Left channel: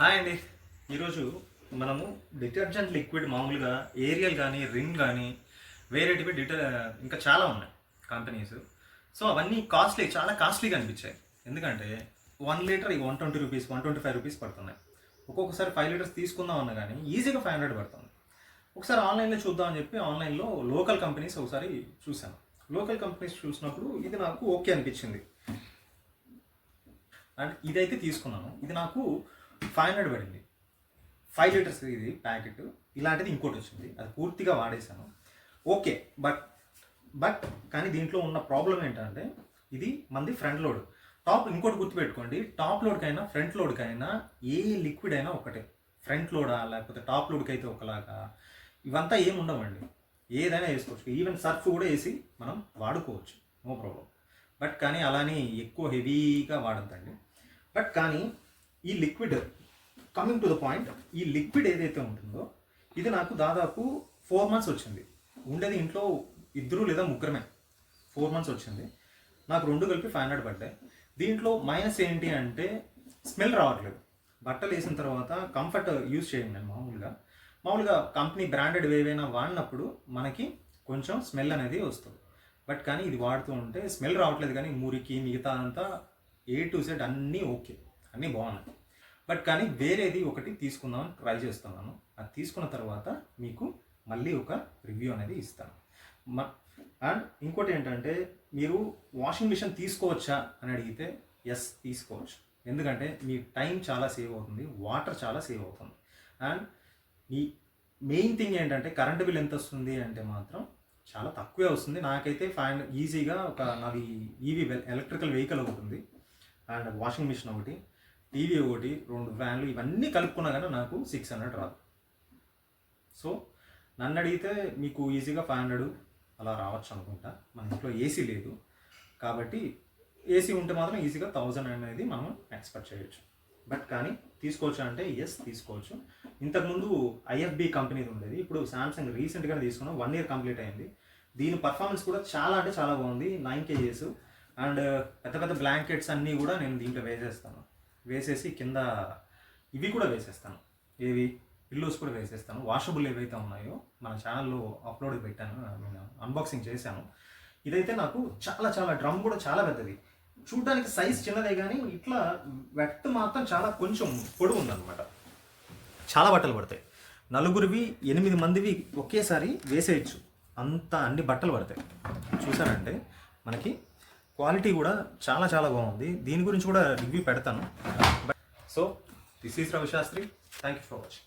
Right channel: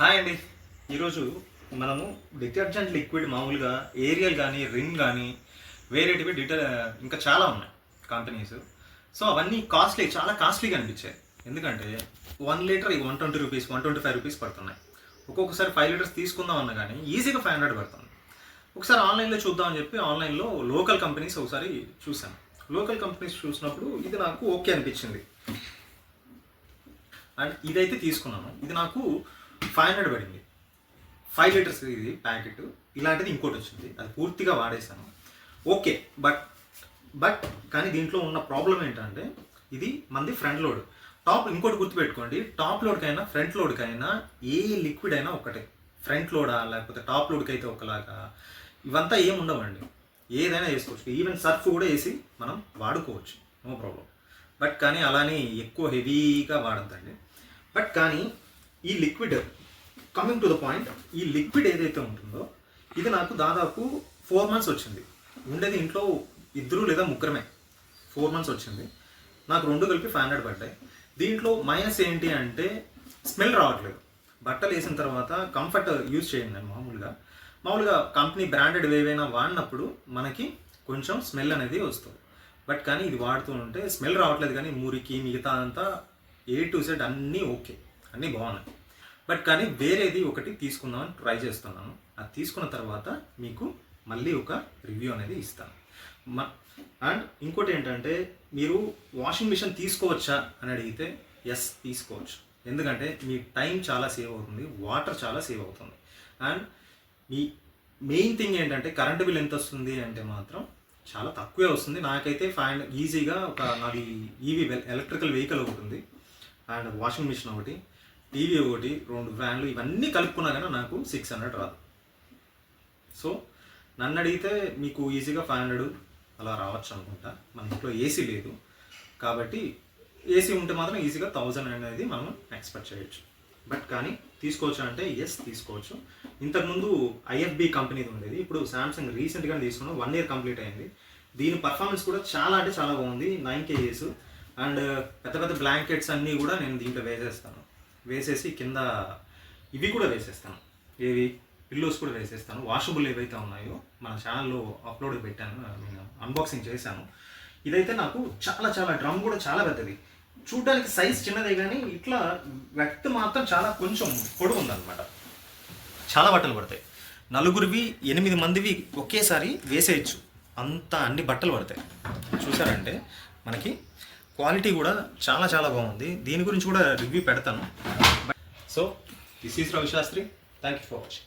Hi అండి. ఈరోజు మనము డిటర్జెంట్ లిక్విడ్ మామూలుగా ఏరియల్ కానీ రిన్ కానీ వేరేటివి ఇంకా చాలా ఉన్నాయి కంపెనీస్. సో అవన్నీ చాలా కాస్ట్లీగా అనిపించాయి. ఎందుకంటే 1 లీటర్ 120 రూపీస్ 125 రూపీస్ పడుతున్నాయి. ఒక్కొక్కసారి 5 లీటర్స్ తీసుకుందాం అన్నా కానీ ఈజీగా 500 పడుతుంది. ఒకసారి ఆన్లైన్లో చూద్దామని చెప్పి ఆన్లైన్లో లోకల్ కంపెనీస్ ఒకసారి చూశాను. లోకల్ కంపెనీస్ చూసినప్పుడు ఇది నాకు ఓకే అనిపించింది అండ్ ఇదైతే తీసుకున్నాను. ఇది నాకు 500 పడింది. 5 లీటర్స్ ఇది ప్యాకెట్. ఇలాంటిది ఇంకోటి వచ్చింది, అది పూర్తిగా వాడేశాను. ఓకే, బట్ కానీ దీంట్లో ఉన్న ప్రాబ్లం ఏంటంటే ఇది మంది ఫ్రంట్ లోడ్. ఇంకోటి గుర్తుపెట్టుకోండి, టాప్ లోడ్కైనా ఫ్రంట్ లోడ్కైనా ఏ లిక్విడ్ అయినా ఒకటే. ఫ్రంట్ లోడా లేకపోతే టాప్ లోడ్కి అయితే ఒకలాగా ఇవంతా ఏం ఉండవండి. ఏదైనా వేసుకోవచ్చు. ఈవెన్ సర్ఫ్ కూడా వేసి మనం వాడుకోవచ్చు, నో ప్రాబ్లం. బట్ కానీ అలానే ఎక్కువ హెవీగా వాడద్దండి. బట్ కానీ ఈ liquid, coming to the point, ఈ లిక్విడ్ ఏదైతే ఉంటుందో ఇది నాకు దాదాపు 4 months వచ్చింది. ఉండేది ఇంట్లో 2 లేదా 3 4 months వచ్చింది. నాకు 2 కలిపి 500 పడ్డాయి. దీంట్లో మైనస్ ఏంటి అంటే స్మెల్ రావట్లేదు. బట్టలు వేసిన తర్వాత కంఫర్ట్ యూజ్ చేయండి. మామూలుగా కంపెనీ బ్రాండెడ్ ఏవైనా వాడినప్పుడు మనకి కొంచెం స్మెల్ అనేది వస్తుంది. బట్ కానీ ఇది వాడుతూ ఉంటే స్మెల్ రావట్లేదు. కానీ మురికి మిగతా అంతా A to Z అన్నీ ఓకే, అన్నీ బాగున్నాయి. బట్ కానీ వేరేది ఒకటి తీసుకుందామని ట్రై చేస్తున్నాను. అది తీసుకున్న తర్వాత మీకు మళ్ళీ ఒక రివ్యూ అనేది ఇస్తాను. అండ్ ఇంకోటి ఏంటంటే, మీరు వాషింగ్ మిషన్ తీసుకోవచ్చా అని అడిగితే ఎస్, తీసుకోవచ్చు. ఎందుకంటే మీ టైం చాలా సేవ్ అవుతుంది, వాటర్ చాలా సేవ్ అవుతుంది. అండ్ మీ మెయిన్ థింగ్ ఏంటంటే కరెంటు బిల్ ఎంత వస్తుంది అంటే మాత్రం చాలా తక్కువే వస్తుంది. నాకైతే 500 ఈజీగా నాది ఈవీ ఎలక్ట్రికల్ వెహికల్ ఒకటి ఉంది, అండ్ వాషింగ్ మిషన్ ఒకటి, టీవీ ఒకటి, 2 ఫ్యాన్లు, ఇవన్నీ కలుపుకున్నా కానీ నాకు 600 రాదు. సో నన్ను అడిగితే మీకు ఈజీగా 500 అలా రావచ్చు అనుకుంటా. మన ఇంట్లో ఏసీ లేదు కాబట్టి, ఏసీ ఉంటే మాత్రం ఈజీగా 1000 అనేది మనం ఎక్స్పెక్ట్ చేయొచ్చు. బట్ కానీ తీసుకోవచ్చు అంటే ఎస్, తీసుకోవచ్చు. ఇంతకుముందు IFB కంపెనీది ఉండేది, ఇప్పుడు శాంసంగ్ రీసెంట్గానే తీసుకున్నాం. 1 year కంప్లీట్ అయింది. దీని పర్ఫార్మెన్స్ కూడా చాలా అంటే చాలా బాగుంది. 9 kgs అండ్ పెద్ద పెద్ద బ్లాంకెట్స్ అన్నీ కూడా నేను దీంట్లో వేసేసి కింద ఇవి కూడా వేసేస్తాను, ఏవి పిల్లోస్ కూడా వేసేస్తాను. వాషబుల్ ఏవైతే ఉన్నాయో మన ఛానల్లో అప్లోడ్ పెట్టాను, నేను అన్బాక్సింగ్ చేశాను. ఇదైతే నాకు చాలా డ్రమ్ కూడా చాలా పెద్దది. చూడడానికి సైజ్ చిన్నదే కానీ ఇట్లా వెట్ మాత్రం చాలా కొంచెం పొడవు ఉందన్నమాట. చాలా బట్టలు పడతాయి. 4 8 మందివి ఒకేసారి వేసేయచ్చు, అంత అన్ని బట్టలు పడతాయి. చూసారంటే మనకి క్వాలిటీ కూడా చాలా బాగుంది. దీని గురించి కూడా రివ్యూ పెడతాను. So this is Ravi Shastri. Thank you for watching.